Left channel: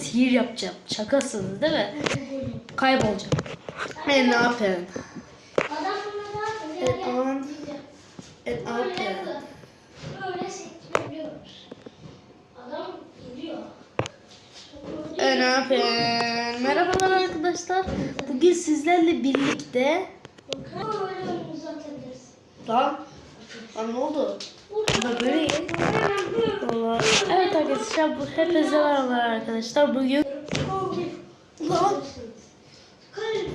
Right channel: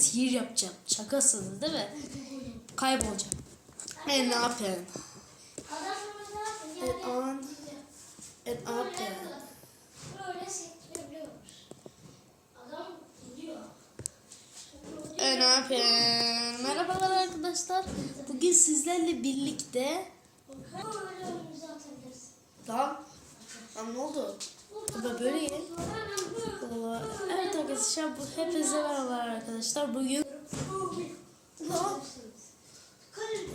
sihir yapacağım. Şakasınız değil mi? Kaybolacağım. E ne yapayım? E ne Buraya yapayım? bakın. Böyle sektirebiliyoruz. Adam gidiyor. E ne yapayım? Merhabalar arkadaşlar. Bugün sizlerle birlikte... Lan. Lan ne oldu? Böyle. Arkadaşlar bu hepinize merhabalar arkadaşlar. Bugün... Lan.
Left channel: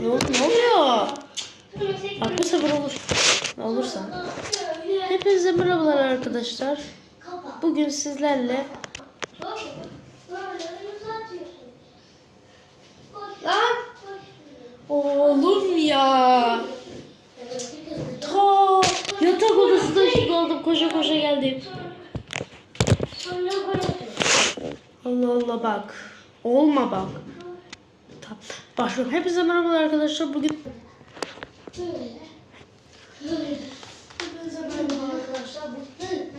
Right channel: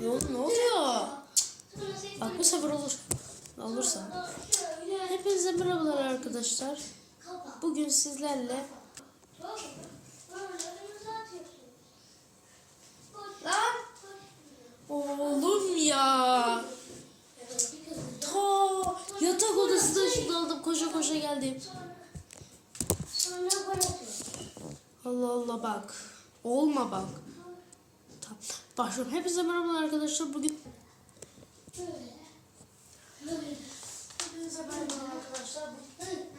Ne, oluyor? Bu sefer olur. Olursa. Hepinize merhabalar arkadaşlar. Bugün sizlerle oğlum ya. Ta yatak odasında şurada oldum koşa koşa geldim. Allah Allah bak. Olma bak. Tamam. Başlıyorum. Hepinize merhabalar arkadaşlar. Bugün Hepinize merhabalar arkadaşlar. Bugün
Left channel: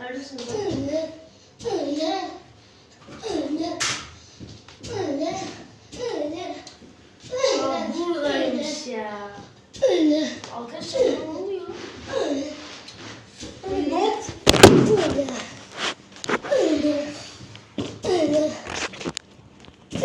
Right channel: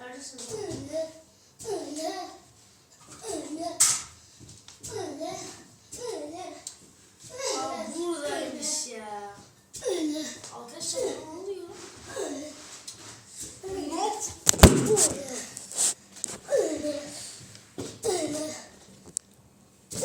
Neredesiniz? Aa, buradaymış ya. Arkadaşlar Bismillah.